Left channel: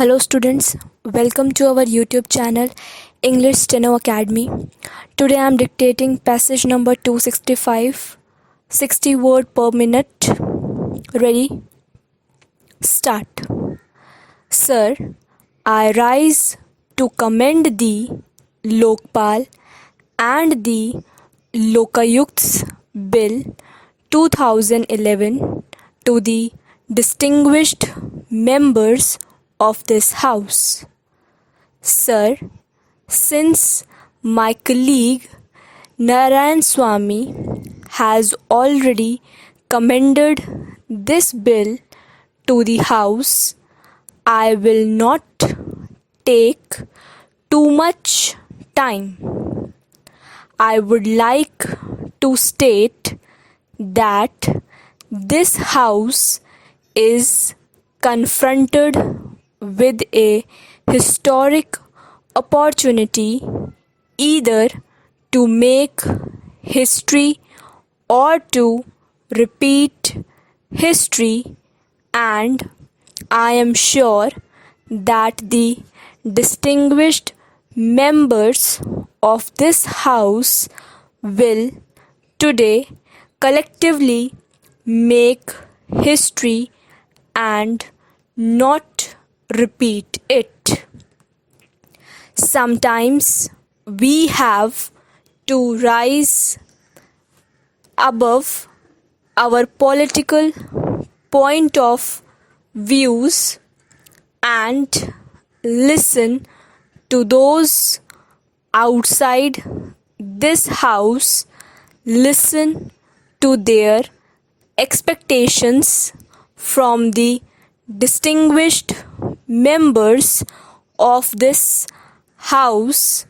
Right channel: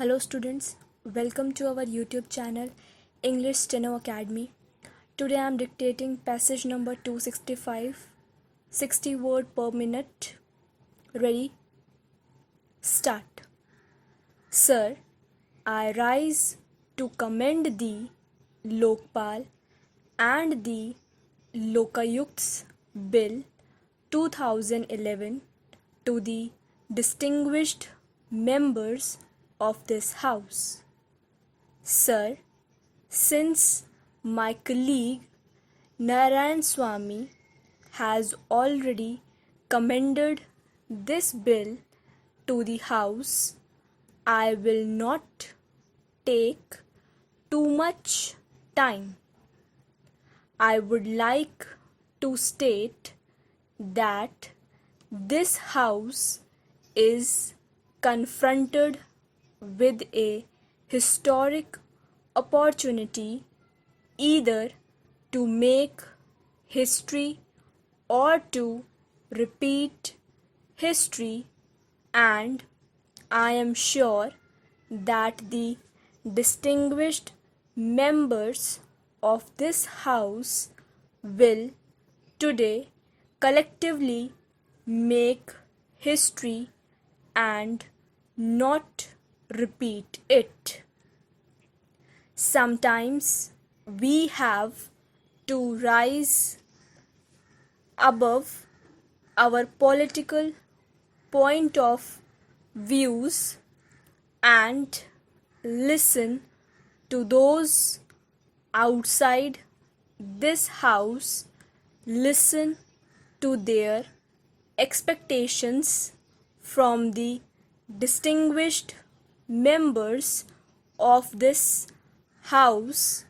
Hello students, welcome to our YouTube channel English Steno Academy. Today I am dictating passage number 265, 60 word per minute. Ready? Start. Sir, I rise to commend the Lokpal and the Lokayukts Bill 2011 to the distinguished members of this House. Sir, since my colleague Narayan Swamy has already commended this bill to the House, I will not take too much time. I would like to state that this House is confronted with a historic opportunity either to make history or to repeat history, and I am sure that the distinguished members of this House will today collectively make history and not repeat it. Sometimes we have to rise above our political point of views and listen to those outside this House, listen to their expectations from the distinguished members of this House,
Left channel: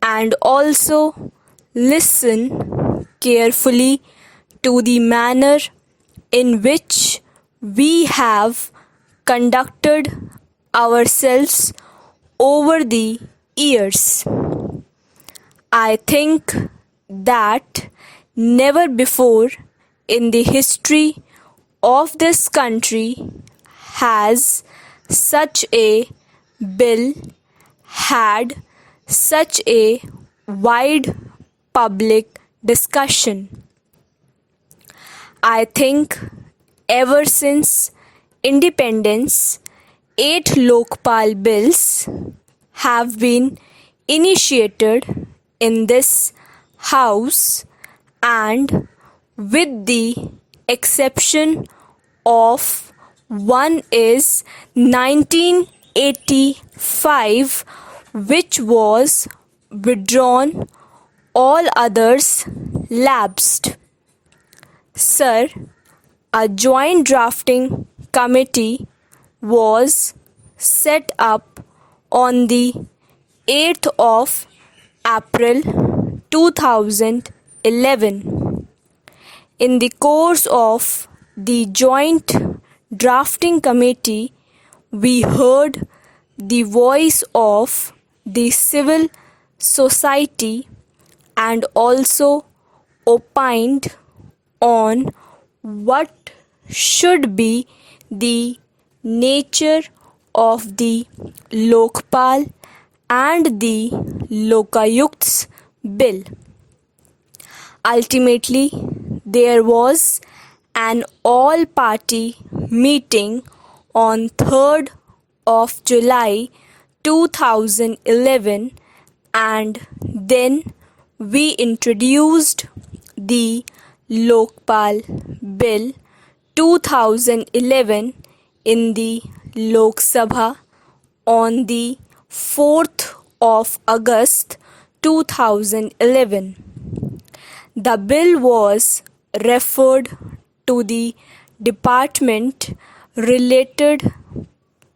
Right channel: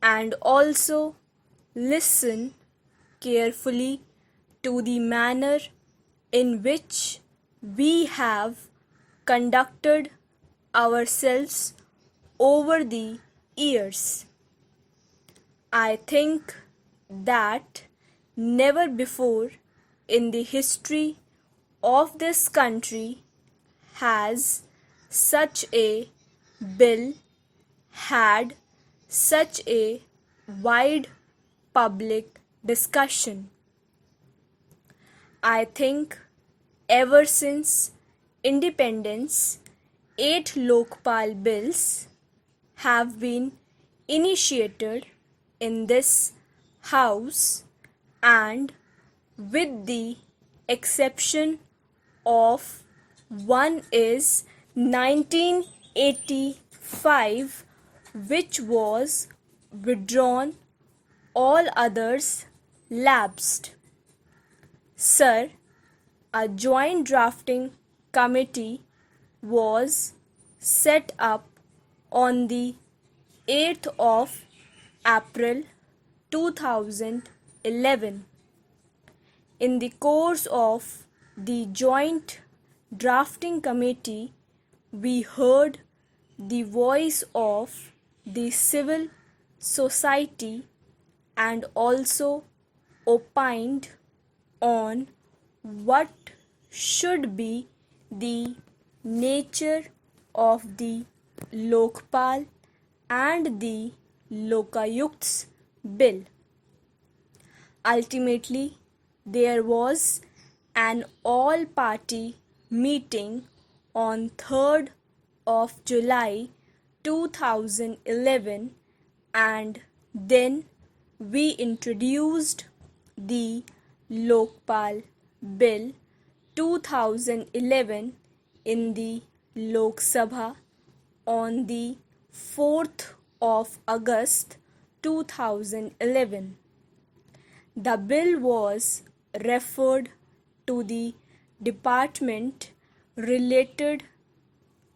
and also listen carefully to the manner in which we have conducted ourselves over the years. I think that never before in the history of this country has such a bill had such a wide public discussion. I think ever since independence, 8 Lokpal bills have been initiated in this House, and with the exception of one is 1985, which was withdrawn, all others lapsed. Sir, a joint drafting committee was set up on the 8th of April 2011. In the course of the joint drafting committee, we heard the voice of the civil society and also opined on what should be the nature of the Lokpal and the Lokayukts bill. Ultimately, there was an all-party meeting on 3rd of July 2011, and then we introduced the Lokpal Bill 2011 in the Lok Sabha on the 4th of August 2011. The bill was referred to the Department related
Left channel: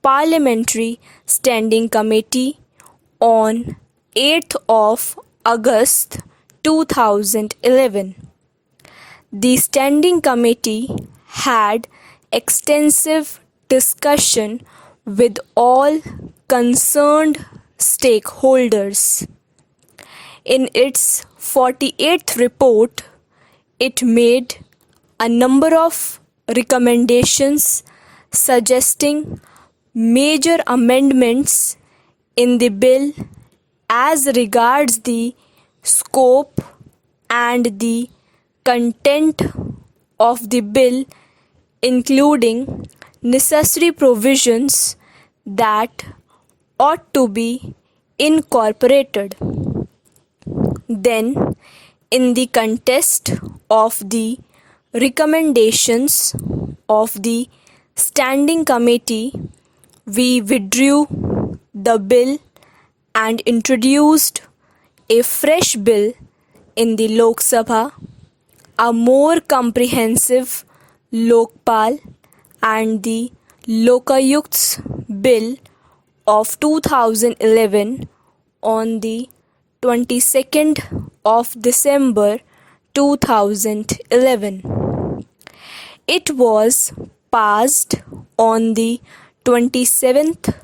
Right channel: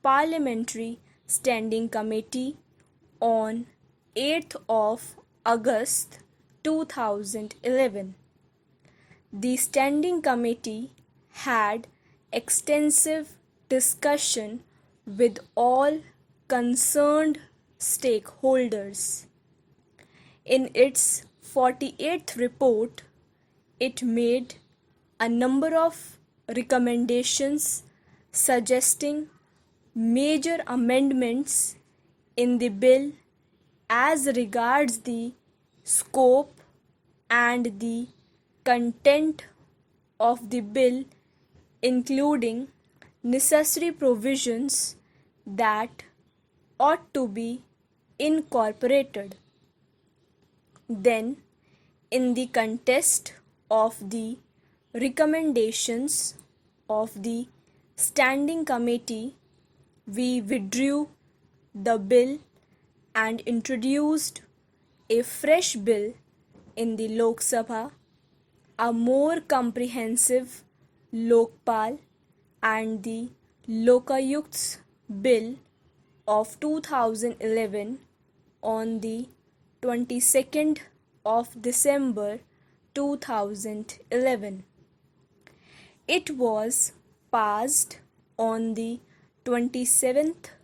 Parliamentary Standing Committee on 8th of August 2011. The Standing Committee had extensive discussion with all concerned stakeholders. In its 48th report, it made a number of recommendations suggesting major amendments in the bill as regards the scope and the content of the bill, including necessary provisions that ought to be incorporated. Then, in the context of the recommendations of the Standing Committee, we withdrew the bill and introduced a fresh bill in the Lok Sabha, a more comprehensive Lokpal and the Lokayukts Bill of 2011 on the 22nd of December 2011. It was passed on the 27th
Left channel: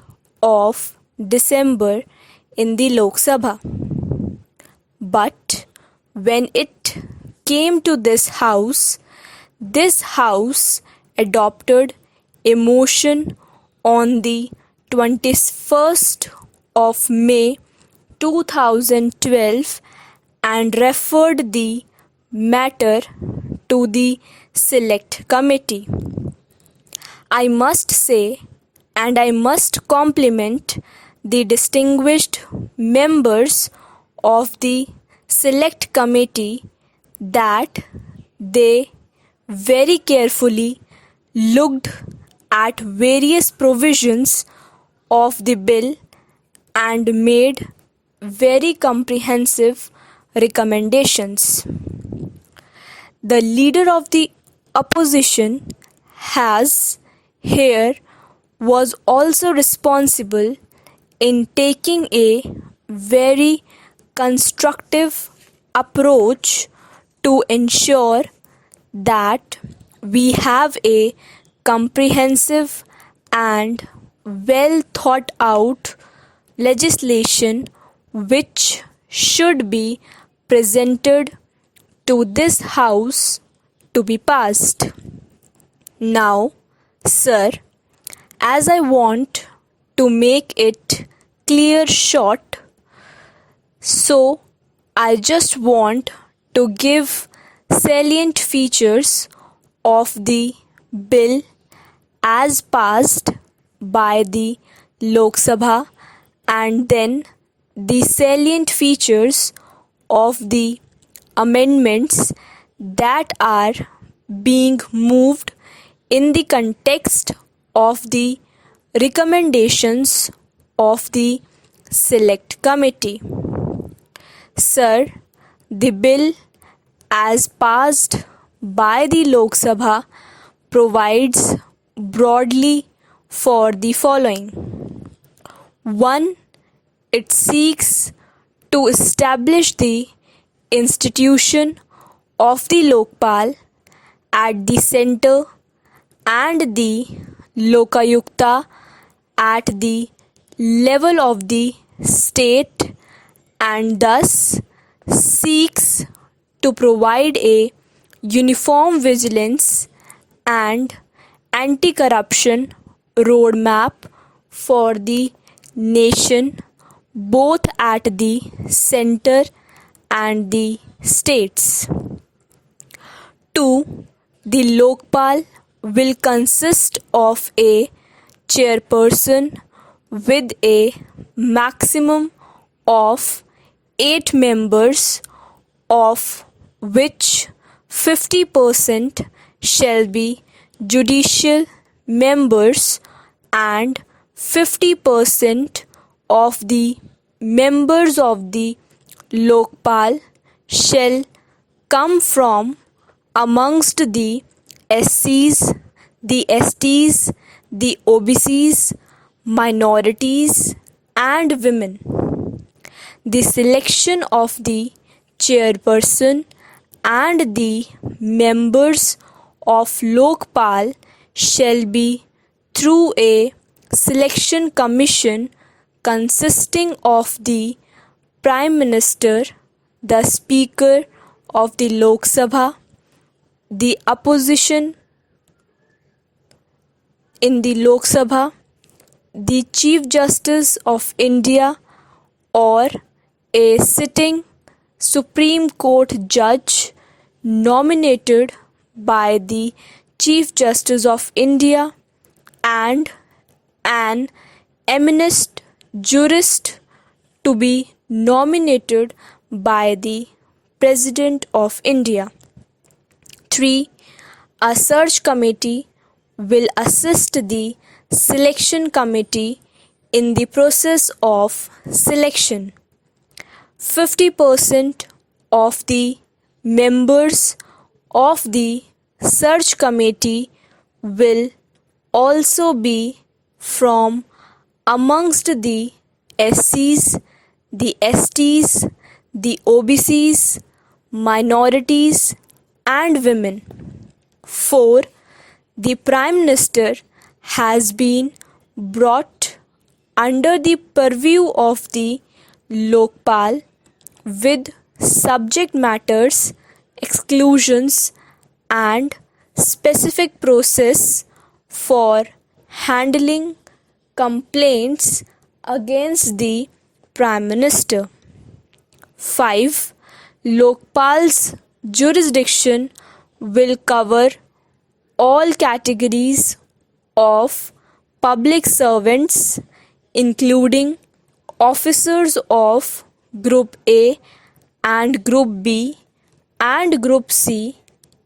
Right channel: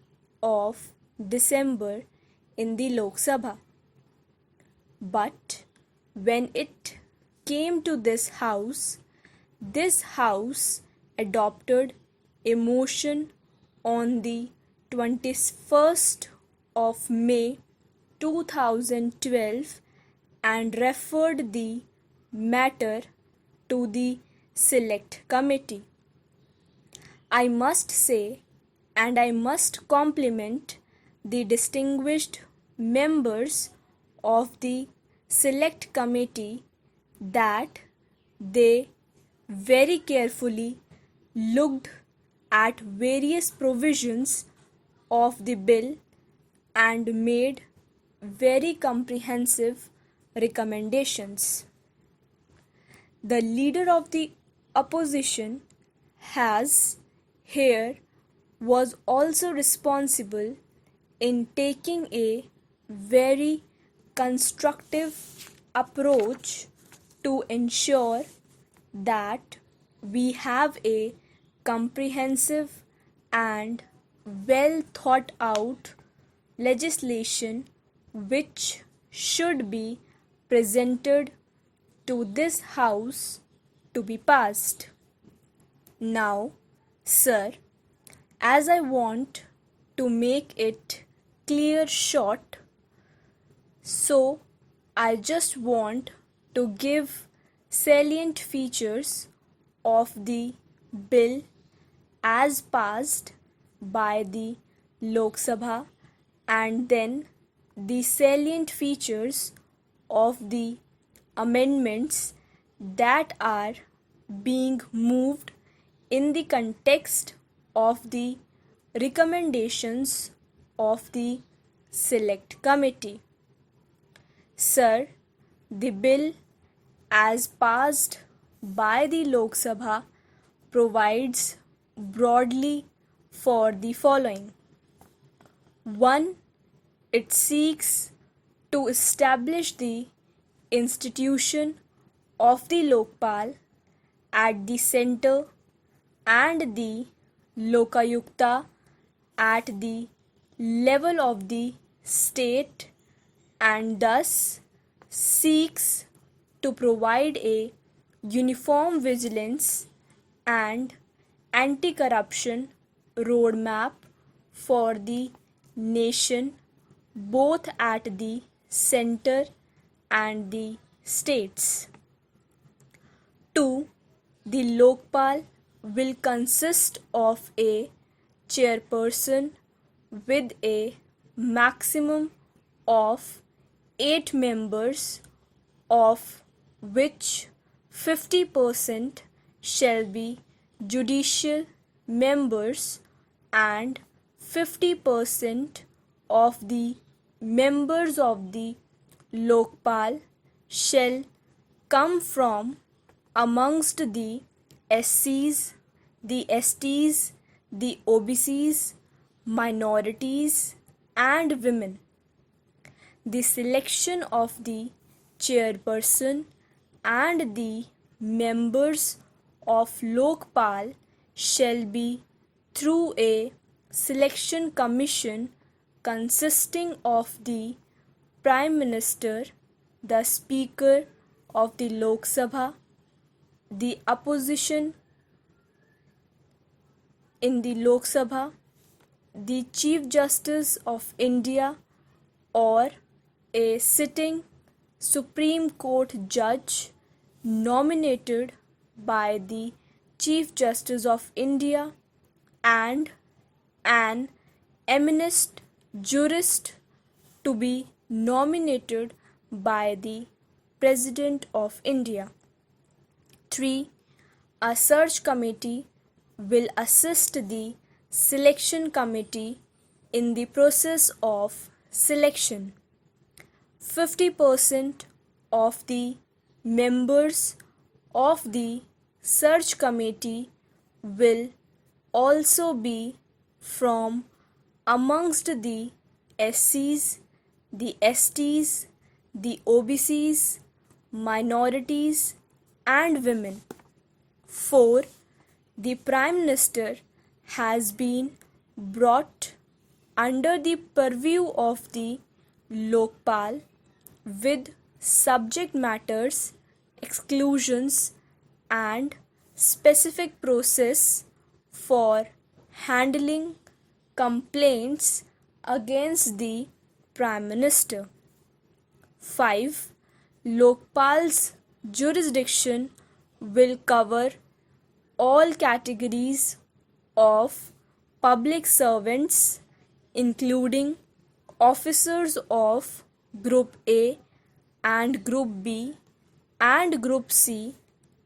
of December in the Lok Sabha. But when it came to this House adopted a motion on the 21st of May 2012 and referred the matter to the Select Committee. I must say, and I must compliment the distinguished members of the Select Committee that they very carefully looked at various provisions of the bill and made very comprehensive recommendations. The leader of the opposition was also responsible in taking a very constructive approach to ensure that we have a comprehensive and well thought out legislation which should be presented to this House to be passed. Now, sir, as I want to make it clear short, so I just want to give salient features of the bill as passed by the Lok Sabha and then the salient features of the amendments that are being moved in the context of the recommendations of the Select Committee. Sir, the bill as passed by the Lok Sabha provides broadly for the following. 1. It seeks to establish the institution of the Lokpal at the center and the Lokayukta at the level of the state, and thus seeks to provide a uniform vigilance and anti-corruption roadmap for the nation, both at the center and the states. 2. The Lokpal will consist of a chairperson with a maximum of 8 members, of which 50% shall be judicial members and 50% of the members of the Lokpal shall come from amongst the SCs, the STs, the OBCs, minorities and women. The selection of the chairperson and the members of Lokpal shall be through a selection commission consisting of the Prime Minister, the Speaker of the Lok Sabha, the opposition in the Lok Sabha, the Chief Justice of India or a sitting Supreme Court judge nominated by the Chief Justice of India and an eminent jurist to be nominated by the President of India. 3. A search committee will assist the selection committee in the process of selection. 50% of the members of the search committee will also be from amongst the SCs, the STs, the OBCs, minorities and women. 4. The Prime Minister has been brought under the purview of the Lokpal with subject matters, exclusions and specific process for handling complaints against the Prime Minister. 5. Lokpal's jurisdiction will cover all categories of public servants, including officers of Group A and Group B and Group C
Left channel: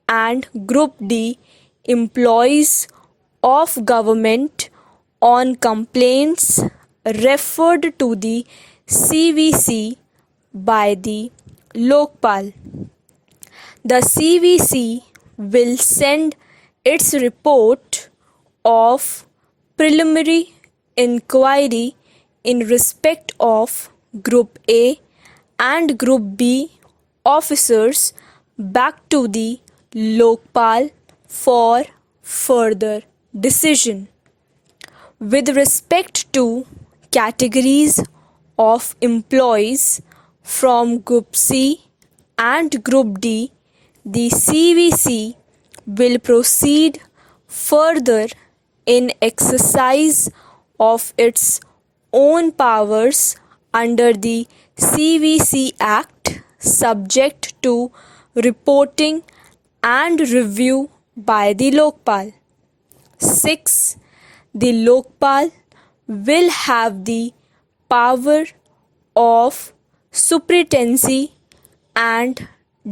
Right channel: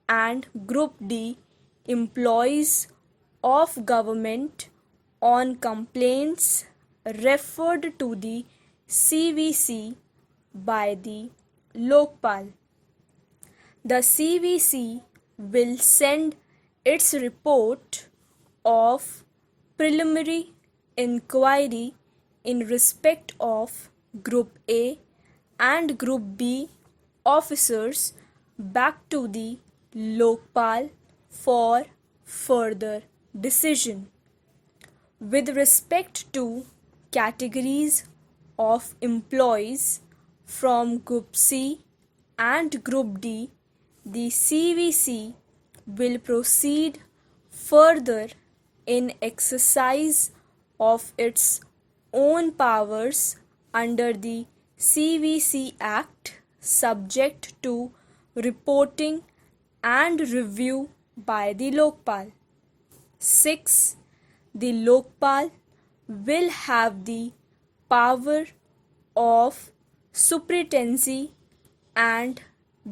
and Group D, employees of government on complaints referred to the CVC by the Lokpal. The CVC will send its report of preliminary inquiry in respect of Group A and Group B officers back to the Lokpal for further decision. With respect to categories of employees from Group C and Group D, the CVC will proceed further in exercise of its own powers under the CVC Act, subject to reporting and review by the Lokpal. 6. The Lokpal will have the power of superintendency and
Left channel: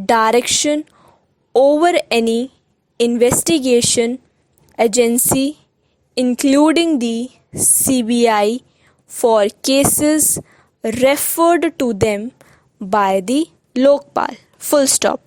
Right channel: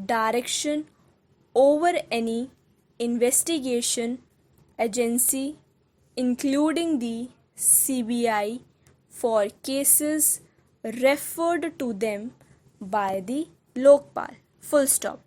direction over any investigation agency, including the CBI, for cases referred to them by the Lokpal. Full stop.